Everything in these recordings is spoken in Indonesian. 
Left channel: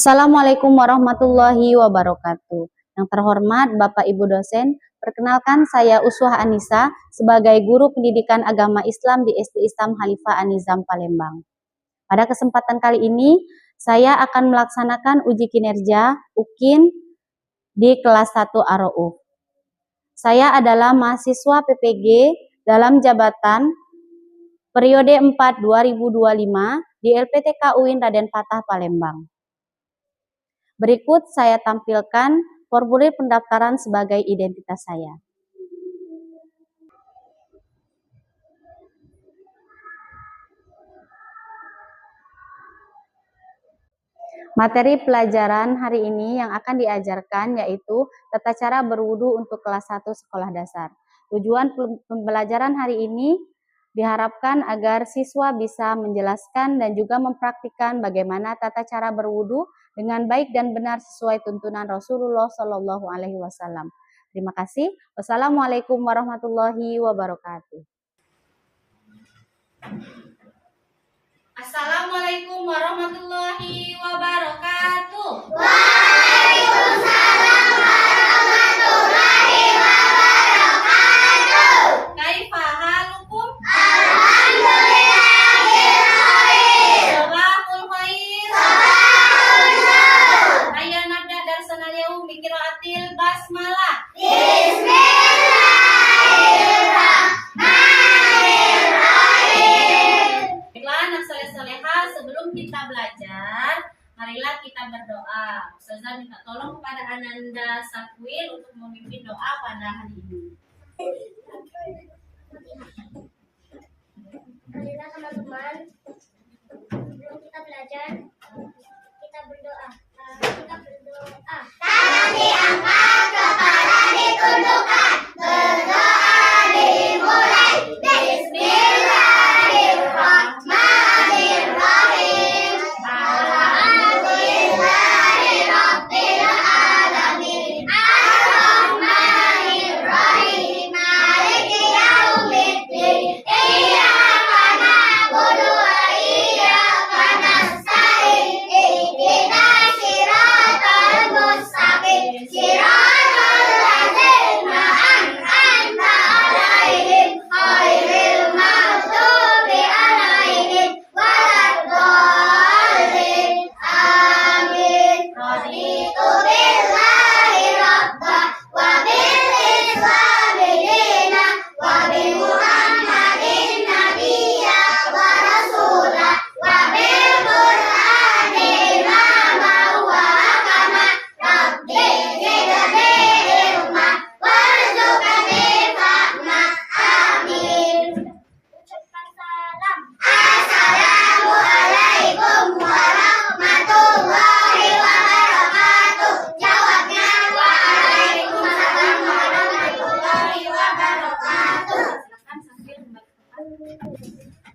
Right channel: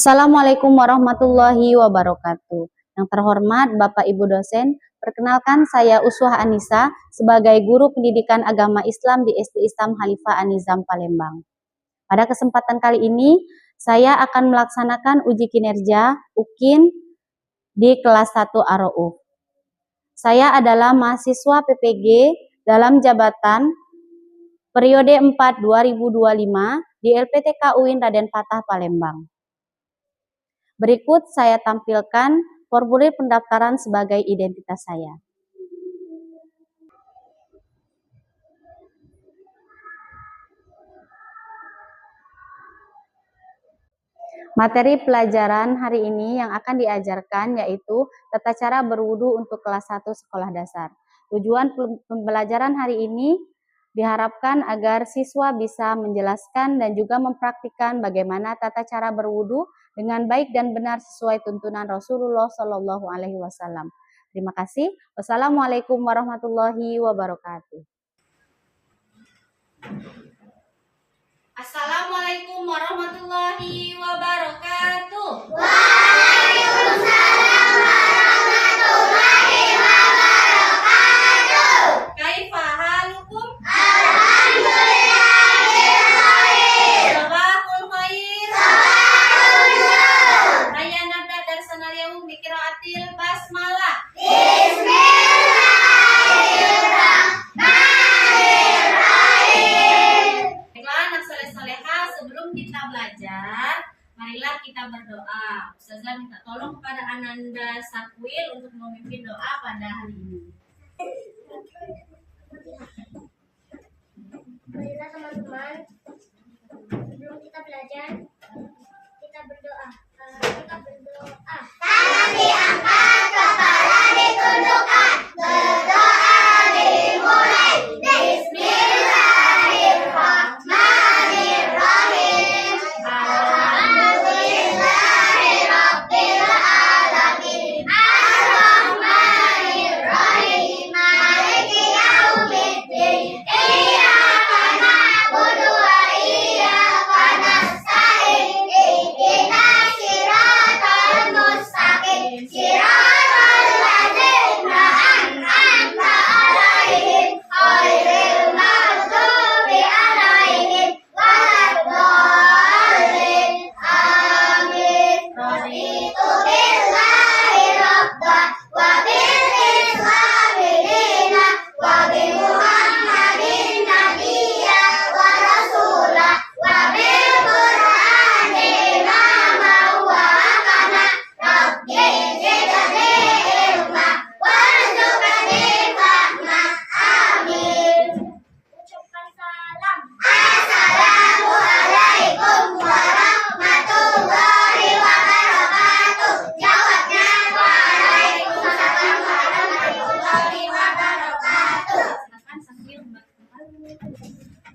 Assalamualaikum warahmatullahi wabarakatuh. Yang terhormat Bapak Ibu dosen, perkenalkan saya Uswah Anissa sebagai guru pendidikan agama Islam di SD Islam Khalifah An-Nizam Palembang. Pada kesempatan kali ini, saya akan melaksanakan uji kinerja UKIN di kelas 1 AROUF. Saya adalah mahasiswa PPG dalam jabatan periode 4 2025 di LPTK UIN Raden Fatah Palembang. Berikut saya tampilkan formulir pendaftaran sebagai identitas saya. Materi pelajaran hari ini yang akan diajarkan yaitu tata cara berwudu untuk kelas 1 sekolah dasar. Tujuan pembelajaran hari ini diharapkan agar siswa bisa menjelaskan dan juga mempraktikkan bagaimana tata cara berwudu dengan baik dan benar sesuai tuntunan Rasulullah Shallallahu Alaihi Wasallam. Terima kasih. Wassalamualaikum warahmatullahi wabarakatuh. Assalamualaikum warahmatullahi wabarakatuh. Waalaikumsalam warahmatullahi wabarakatuh. Kaifa halukum? Alhamdulillahil khair. Sabahul khair. Sabahul nur. Hayya nabda darsana al-yawm bi qiraatil basmalah. Bismillahirrahmanirrahim. Baiklah anak soleh-solehah, sebelum kita belajar, marilah kita berdoa. Ustazah minta tolong kepada Ananda Sakwil untuk memimpin doa pada hari ini. Marilah teman-teman, sebelum kita belajar, kita berdoa. Tangan diangkat, kepala ditundukkan, berdoa dimulai. Bismillahirrahmanirrahim. Alhamdulillahirabbil alamin. Ar-Rahmanirrahim. Maliki yaumiddin. Iyyaka na'budu wa iyyaka nasta'in. Ihdinas siratal mustaqim. Siratal ladzina an'amta 'alaihim ghairil maghdubi 'alaihim waladdallin. Amin. Raditu billahi rabba wa bil islami dina wa bi Muhammadin nabiyya wa rasula wa bil Qur'ani imama wa hakama. Rabbi zidni ilma warzuqni fahma. Amin. Ucapkan salam. Assalamualaikum warahmatullahi wabarakatuh. Jawabnya waalaikumsalam warahmatullahi wabarakatuh. Silakan Sakwil.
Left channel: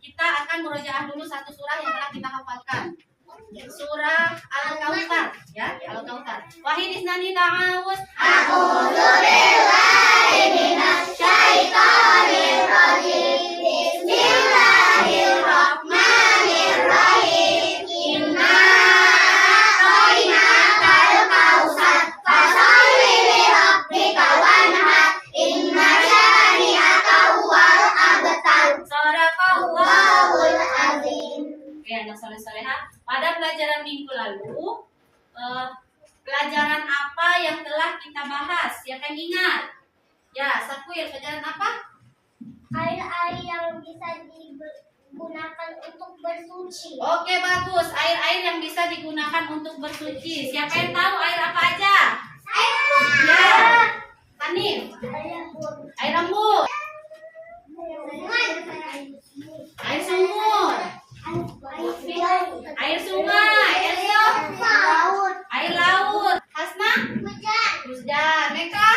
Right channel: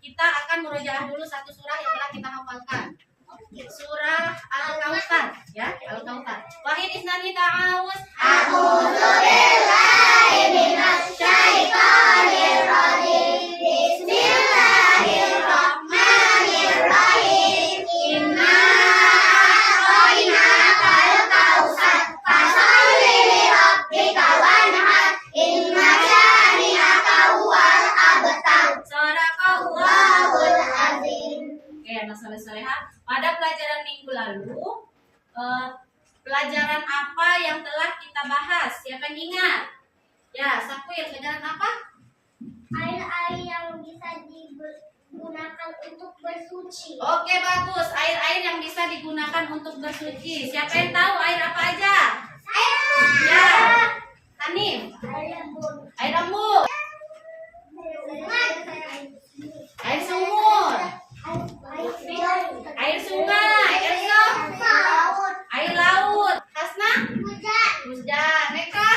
Kita akan murojaah dulu satu surah yang telah kita hafalkan. Surah Al-Kautsar, ya, Al-Kautsar. Wahid isnani ta'awuz. A'udzu billahi minasy syaithanir rajim. Bismillahirrahmanirrahim. Inna a'tainakal kautsar fasholli li rabbika wanhar. Inna syani'aka huwal abtar. Sadaqallahul Allahul azim. Oke, anak soleh-solehah. Pada pelajaran minggu lalu, pelajaran apa yang telah kita bahas? Siapa yang ingat? Ya, Sakwil, pelajaran apa? Air-air yang bisa digunakan untuk bersuci. Oke, bagus. Air-air yang bisa digunakan untuk bersuci. Siapa yang tahu air apa aja? Air embun. Ya, Hanif. Air embun. Air embun, air sumur, air sungai, air laut. Hasna? Hujan. Meka?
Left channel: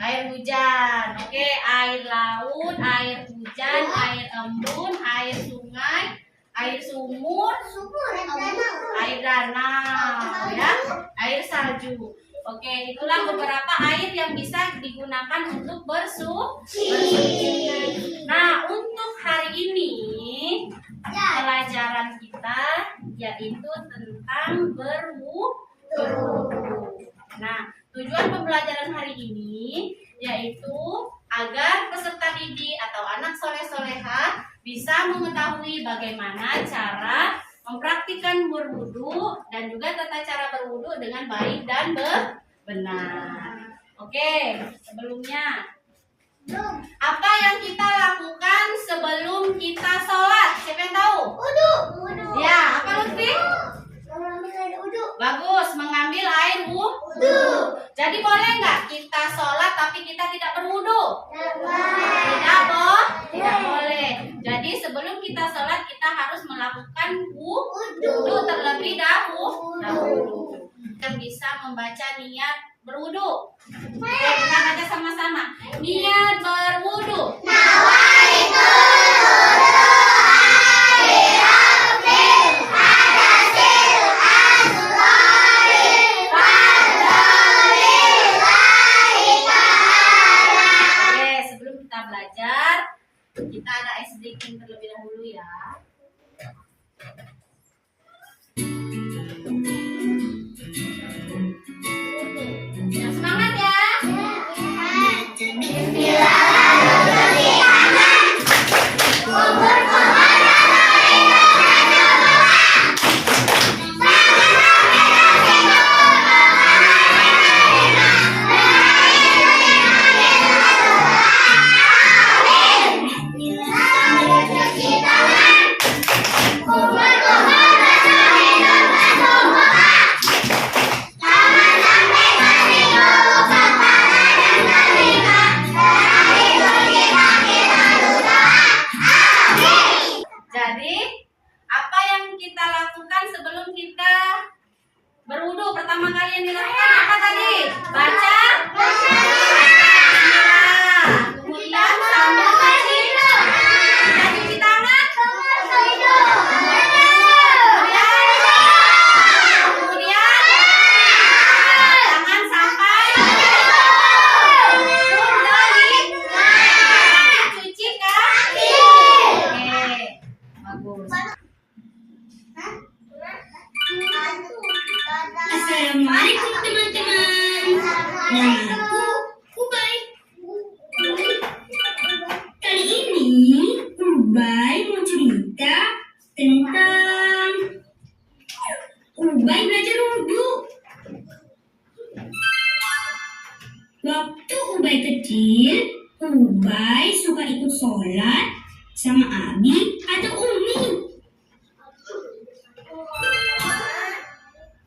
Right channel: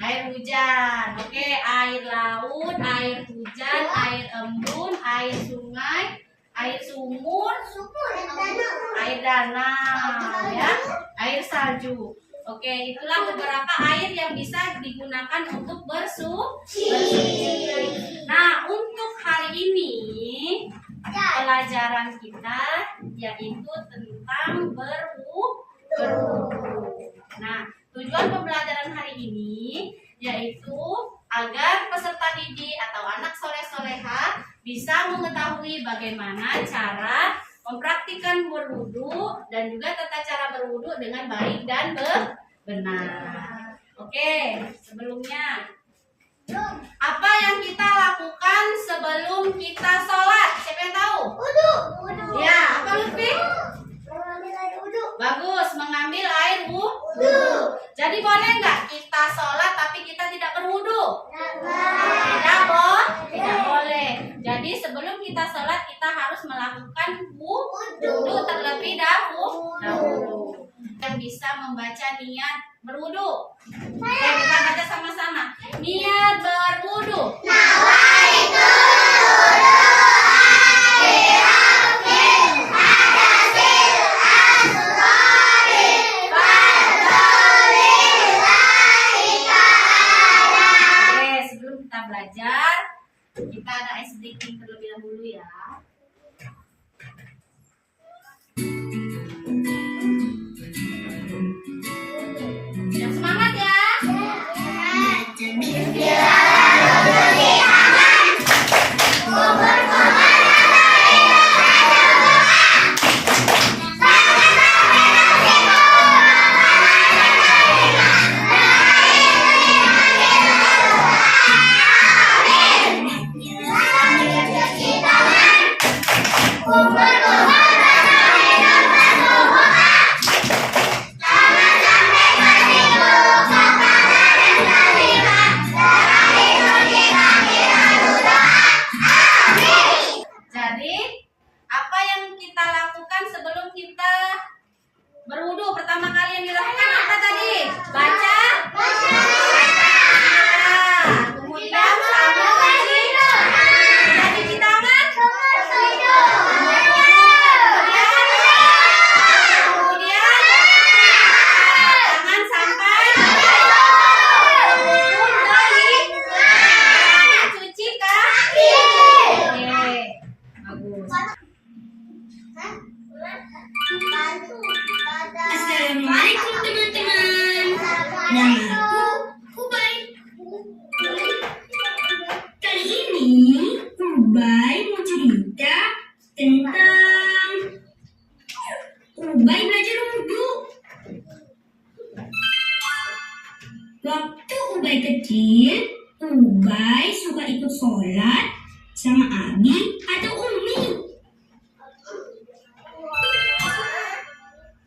Air hujan. Oke, air laut, air hujan, air embun, air sungai, air sumur, air danau, ya, air salju. Oke, itulah beberapa air yang bisa digunakan untuk bersuci. Nah, untuk hari ini pelajaran kita yaitu tentang tentang berwudu. Nah, tujuan pembelajaran hari ini yaitu agar peserta didik atau anak soleh-soleha bisa mengetahui bagaimana cara mempraktikkan berwudu dan juga tata cara berwudu dengan baik dan benar. Oke, sebelumnya apa yang kita lakukan sebelum kita sholat? Siapa yang tahu? Wudu. Ya, apa Lutfi? Mengambil air wudu. Bagus, mengambil air wudu. Jadi boleh nggak kita sholat tapi kita tidak berwudu? Tidak boleh. Jadi sebelum kita sholat kita harus melakukan wudu terlebih dahulu. Kita bisa membaca niat berwudu. Oke, kita baca sama-sama. Niat berwudu. Oke, sebelum kita belajar, kita ada ice breaking terlebih dahulu ya. Yang semangat ya. Jadi, apa yang kita lakukan sebelum kita berwudu? Pertama kali yang dilakukan apa tadi? Baca. Bismillah. Kemudian sambil cuci tangan. Kemudian jangan sampai cuci kaki. Oke, bagus. Assalamualaikum teman-teman. Namaku Ubay. Kali ini Ubay mau cerita tentang Ubay belajar wudhu. Waktu Ubay kecil, Ubay suka ikut sholat sama Abi atau Umi.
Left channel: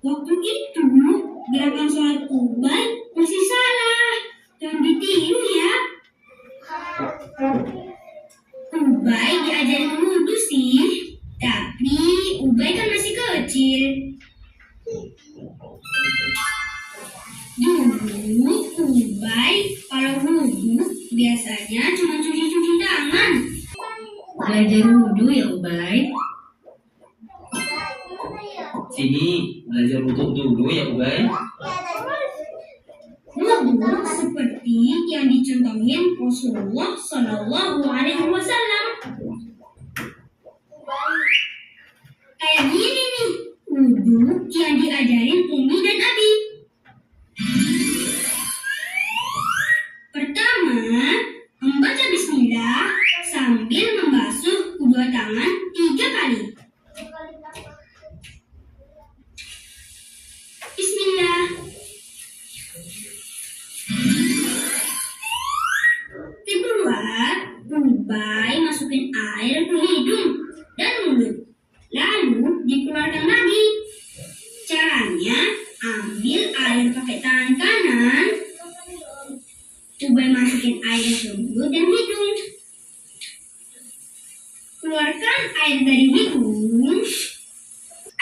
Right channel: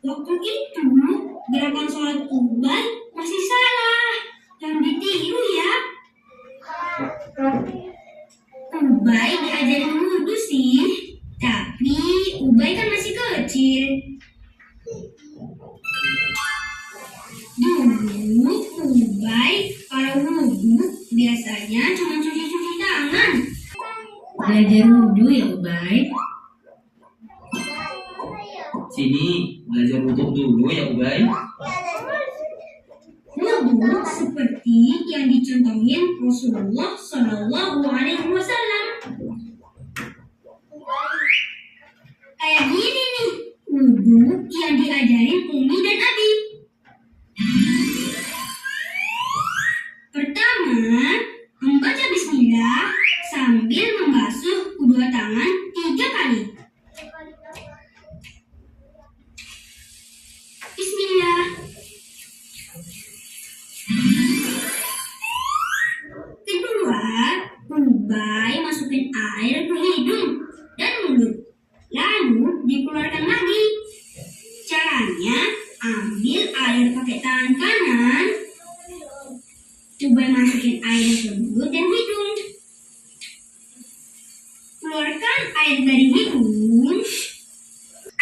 Waktu itu, gerakan sholat Ubay masih salah. Jangan ditiru ya. Ubay diajarin wudhu sih, tapi Ubay kan masih kecil. Dulu Ubay kalau wudhu biasanya cuma cuci-cuci tangan. Belajar wudhu ya Ubay. Sini belajar wudhu dulu ya Ubay. Wudhu seperti yang dicontohin Rasulullah Shallallahu Alaihi Wasallam. Kayak gini nih, wudhu yang diajarin Umi dan Abi. Pertama, membaca Bismillah sambil membasuh kedua tangan 3 kali. Bismillah. Kedua, Ubay masukin air ke hidung dan mulut, lalu dikeluarkan lagi. Caranya, ambil air pakai tangan kanan, Ubay masukin air ke mulut dan hidung. Keluarkan air dari hidung.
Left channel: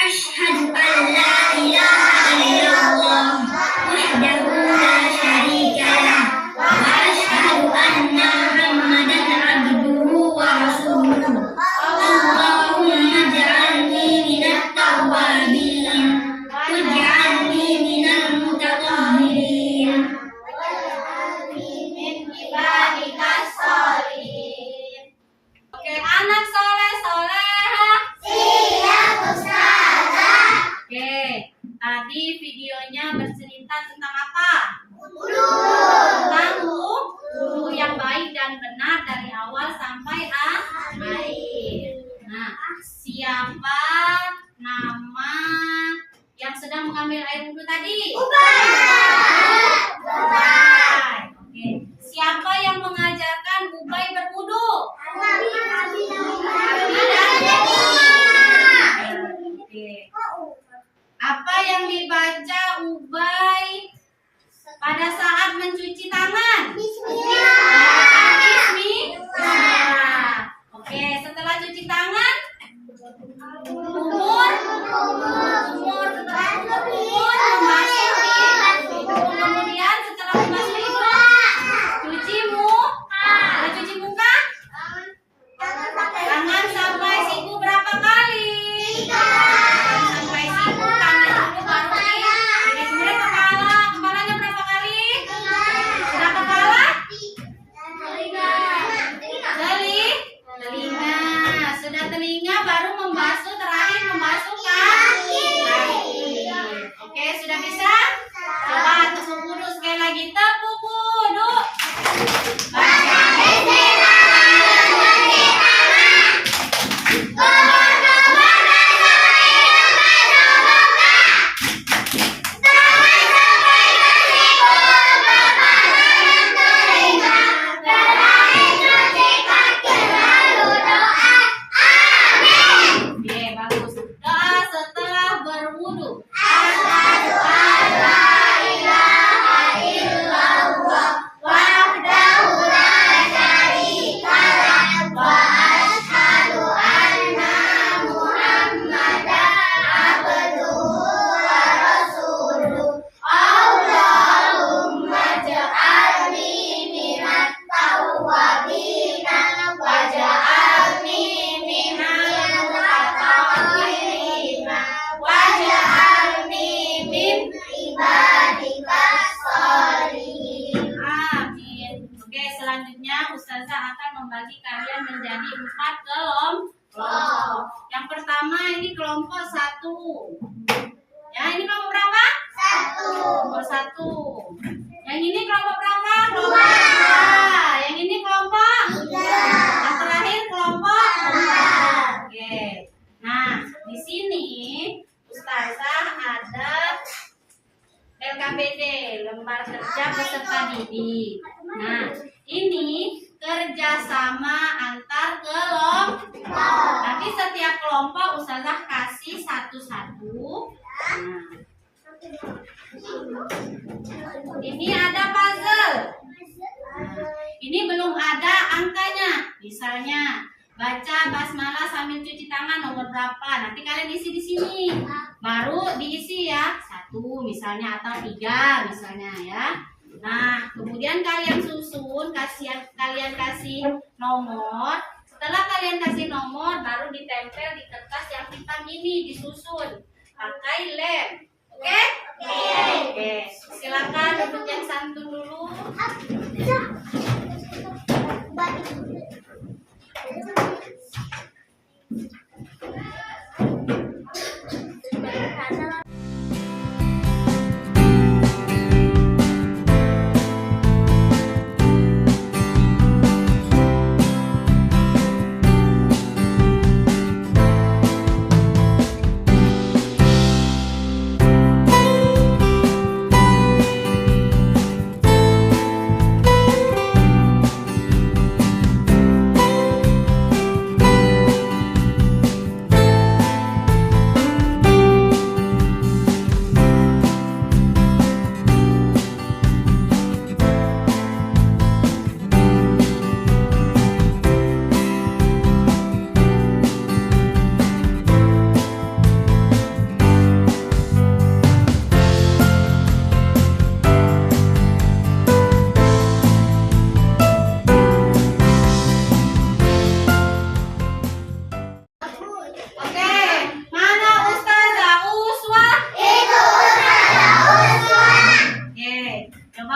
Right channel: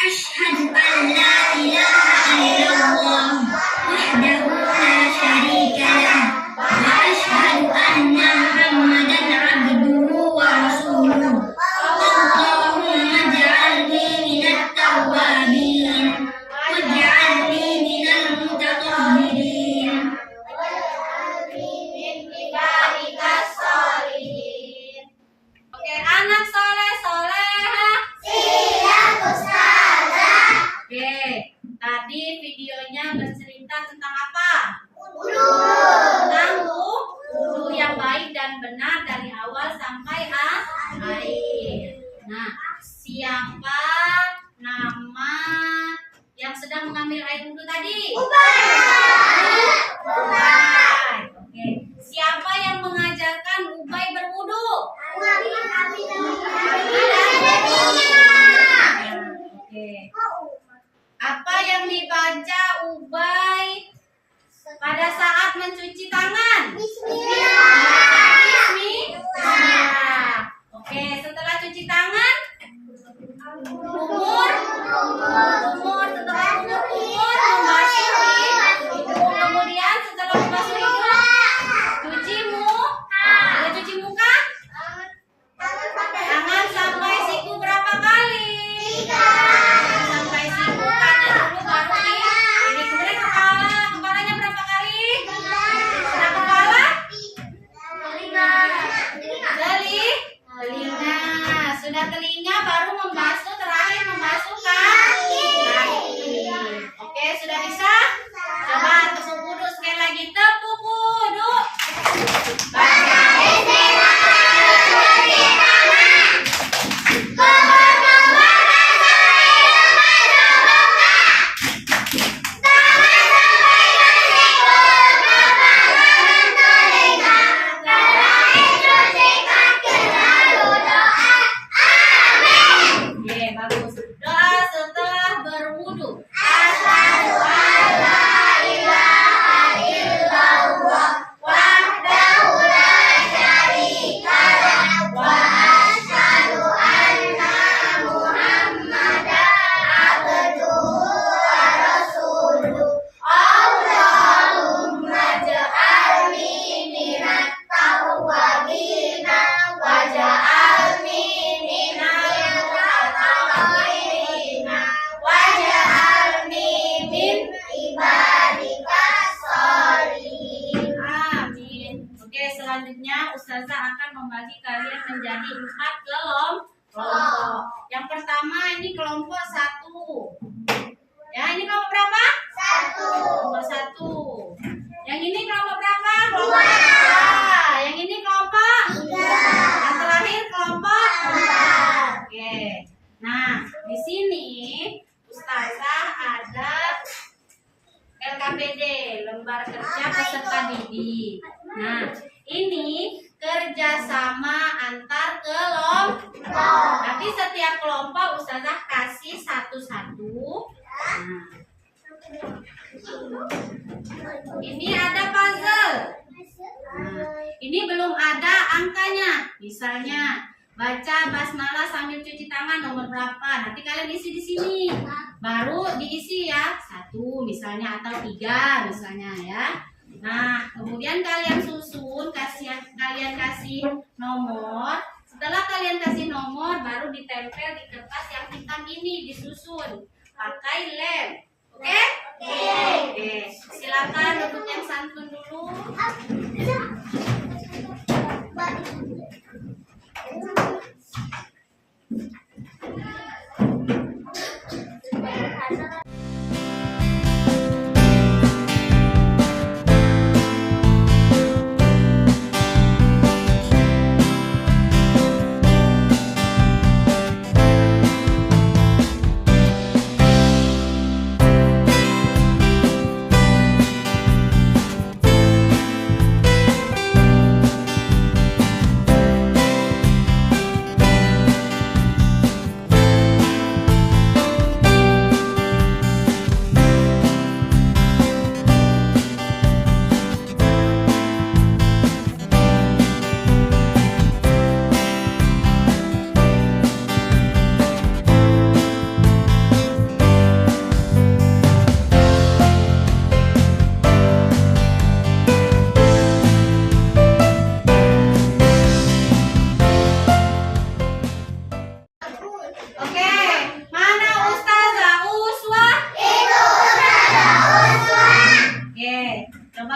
Asyhadu an la ilaha illallah wahdahu la syarika lah wa asyhadu anna Muhammadan abduhu wa rasuluh. Allahumma ja'alni minat tawwabin waj'alni minal mutatahhirin. Oke, anak soleh soleha. Siap, Ustazah. Oke, bercerita tentang apa? Tentang wudu yang baik dan benar dari awal sampai akhir. Nah, siapa nama yang sedang mengambil air wudu tadi? Ubay. Oke. Siapa yang mengajarkan Ubay berwudu? Oke. Apa yang dibaca Ubay pada saat mencuci tangan? Bismillah. Oke, setelah cuci tangan, umur setelah memasuki hidung. Kemudian setelah memasuki hidung, cuci muka, tangan sampai siku berapa kali? Sampai siku, kanan dulu baru ini. Kemudian kepalanya berapa kali? Sudah kepala? Telinga. Sudah telinga baru membasuh, terakhir membasuh kaki. Oke, sudah bisa? Coba tepuk wudu sekali lagi. Tepuk wudu. Oke, bagus. Doa setelah berwudu. Asyhadu an la ilaha illallah wahdahu la syarika lah wa asyhadu anna Muhammadan abduhu wa rasuluh. Allahumma ja'alni minat tawwabina wa ja'alni minal mutatahhirina wa ja'alni min ibadika sholihin. Amin. Oke, selanjutnya Ustazah akan membagi kalian menjadi 4 kelompok. Yang pertama ini kelompok 1. Ya, ini kelompok berapa? 1. Kelompok 1. Yang ini kelompok berapa? Kelompok 2. Yang ini kelompok 3. Yang terakhir kelompok 4. Oke. Nah, di sini Ustazah ada LKPD, lembar kerja peserta didik. Nah, ini kerjasama antar kelompok. Nanti setiap kelompok Ustazah kasih satu-satu. Nah, ini ada puzzle. Nah, ini belum ada angkanya. Misalnya baca basmalah sambil cuci tangan nomor berapa? Nanti kalian isi di sini. Baru diisi ya 1 misalnya atau 3 misalnya ya. Nah, kemudian kalian susun, kalian kasih nomor. Setelah kalian kasih nomor, baru ditempel di kertas yang hitam ini, disusun pakai lem. Oke? Oke. Silakan duduk yang santun dulu.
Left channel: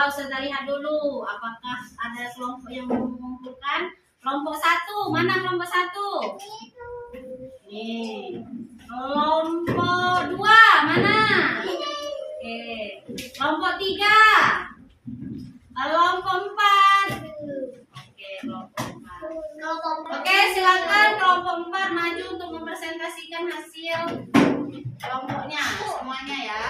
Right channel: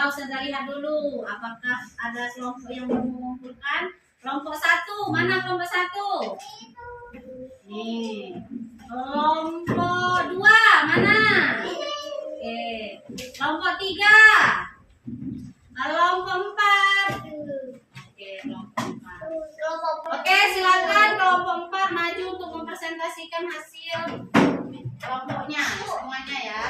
Ustazah lihat dulu apakah ada kelompok yang mau mengumpulkan. Kelompok 1, mana kelompok 1? Nih. Kelompok 2, mana? Oke, Oke. Kelompok 3. Kelompok 4. Oke, kelompok 4. Oke, silakan kelompok 4 maju untuk mempresentasikan hasil kelompoknya semuanya ya.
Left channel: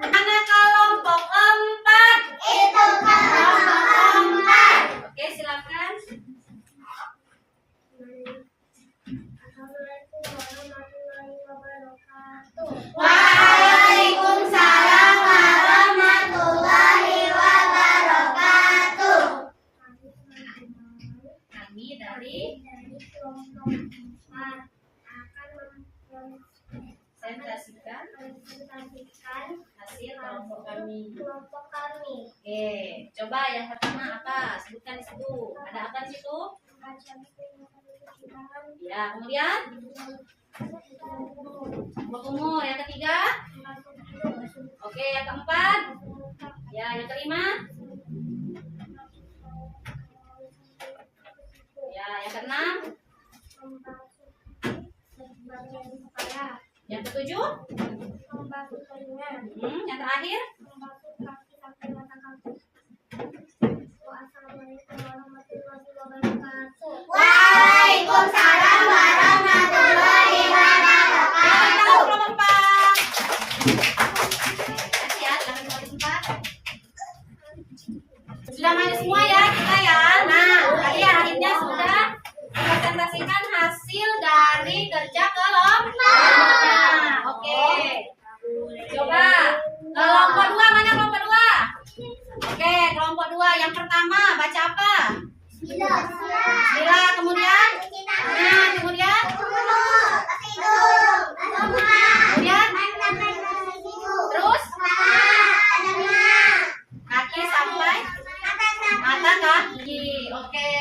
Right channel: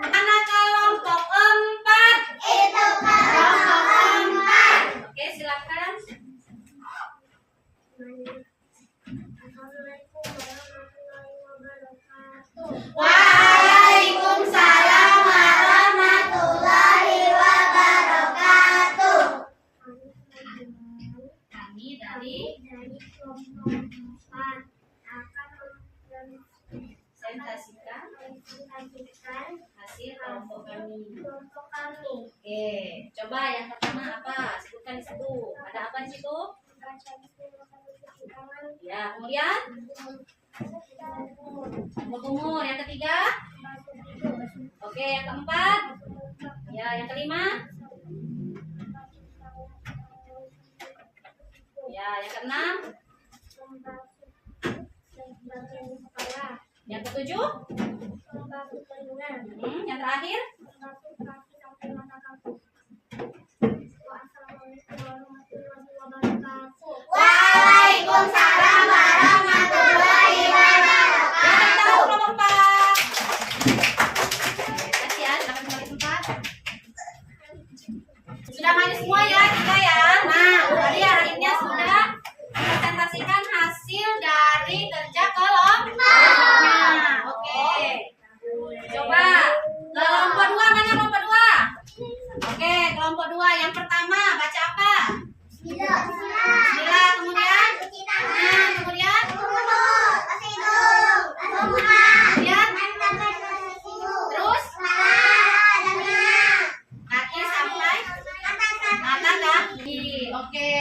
Anak kelompok 4. Kelompok 4. Oke, silakan. Assalamualaikum warahmatullahi wabarakatuh. Waalaikumsalam warahmatullahi wabarakatuh. Kami dari kelompok 4 akan presentasikan mempresentasikan hasil kelompok kami. kelompok kami. Oke, coba yang pertama apa? Sebutkan di situ. Ada apa di situ? Baca bismillah, cuci tangan, Ya, kemudian berkumur. Yang ketiga? basuh hidung, Oke, yang keempat? Ya, yang kelima? Ya, yang keenam? membasuh bagian kepala, Yang ketujuh? membasuh telinga, Yang terakhir? membasuh kaki sampai mata kaki. Wassalamualaikum warahmatullahi wabarakatuh. Waalaikumsalam warahmatullahi wabarakatuh. Kelompok 4. Kasih ya, silakan kelompok 4. Sudah maju semua ya kita ya. Nah, tadi akhirnya sudah mempresentasikan hasil dari kerja kelompoknya. Oke. Coba kelompok 2 mana kelompok 2? Oke, kelompok 2 yang pertama baca apa? Bismillah, kemudian? Nah, kemudian? Kemudian? Terus? Kaki sampai? Mata kaki. Oke.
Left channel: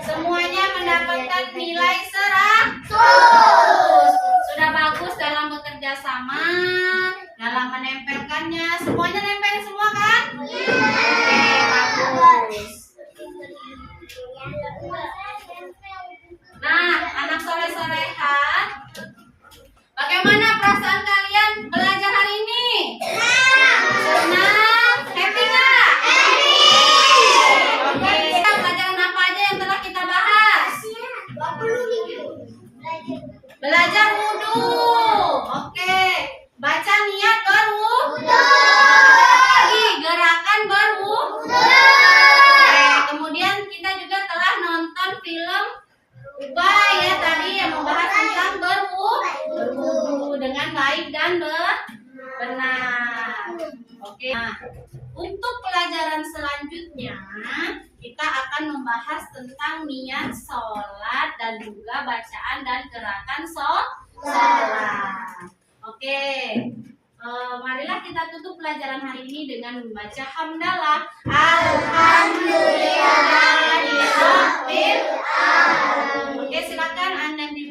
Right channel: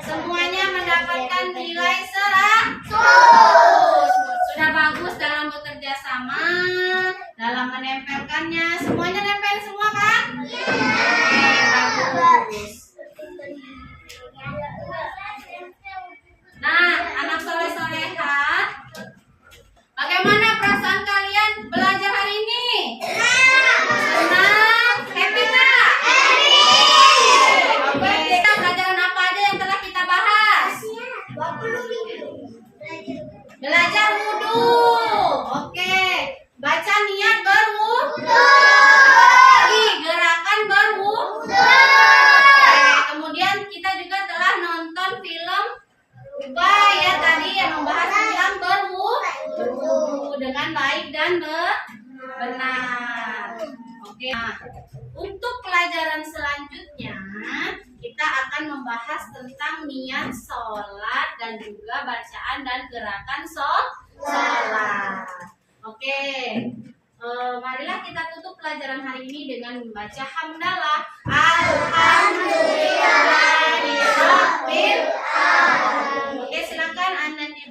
Semuanya mendapatkan nilai 100. Sudah bagus dalam bekerja sama, dalam menempelkannya. Semuanya nempel semua kan? Oke, bagus. Nah, anak soleh-soleha, bagaimana perasaan kalian belajar hari ini? Senang? Happy nggak? Oke, pelajaran apa aja yang telah kita bahas? Belajar wudhu. Oke, baca niat berwudhu. Lagi gerakan berwudhu. Oke, kemudian kita juga telah nonton film Ubay ya tadi yang membahas tentang berwudhu dengan baik dan benar. Oke. Nah, untuk pelajaran selanjutnya kita akan membahas tentang niat sholat dan juga bacaan dan gerakan sholat. Oke. Marilah kita tutup pelajaran hari ini dengan membaca hamdalah. Alhamdulillahirabbil alamin. Oke, silakan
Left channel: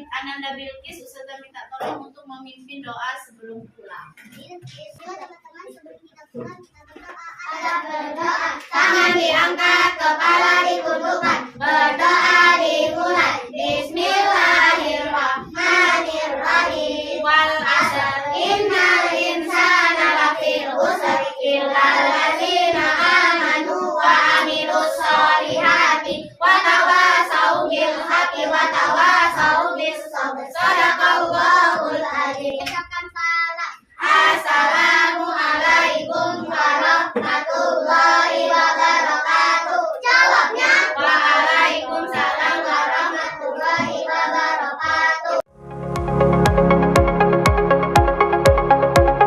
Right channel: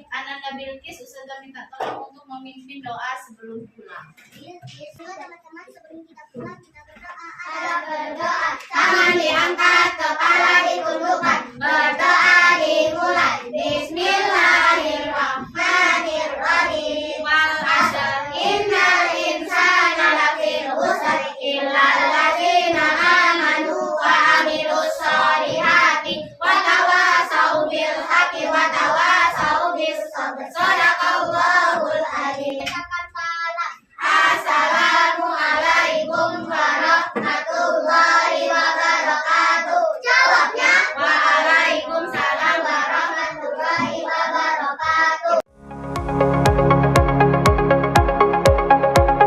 Ananda Bilqis, Ustazah minta tolong untuk memimpin doa sebelum pulang. Teman-teman, sebelum kita pulang, kita